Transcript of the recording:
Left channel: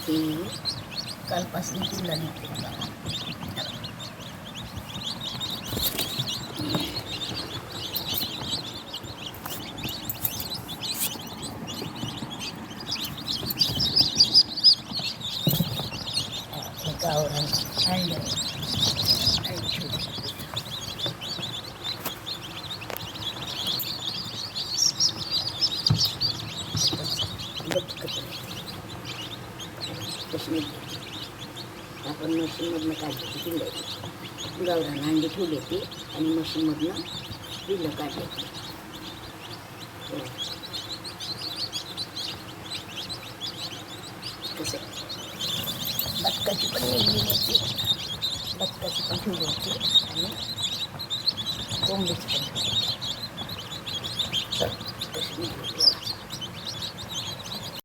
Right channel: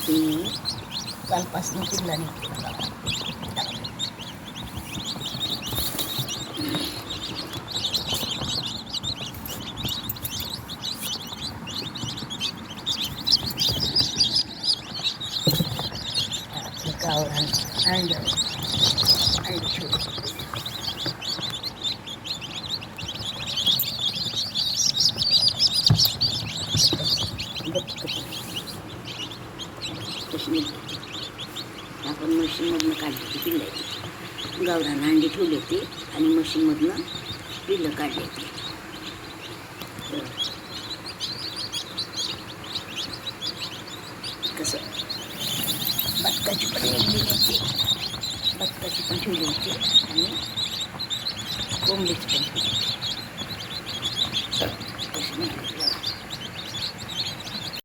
itu kalpas mungkin lagi kawan anda. आणि आपण मशीनमधनं काढली ती पिल्लं. गावरान अंडी ठेवली होती आणि मशीनमधनं पिल्लं काढली होती. हो. कसं? बदकाची पण निघली होती. बदकाची पण ठेवली होती आणि कोंबडीची पण ठेवली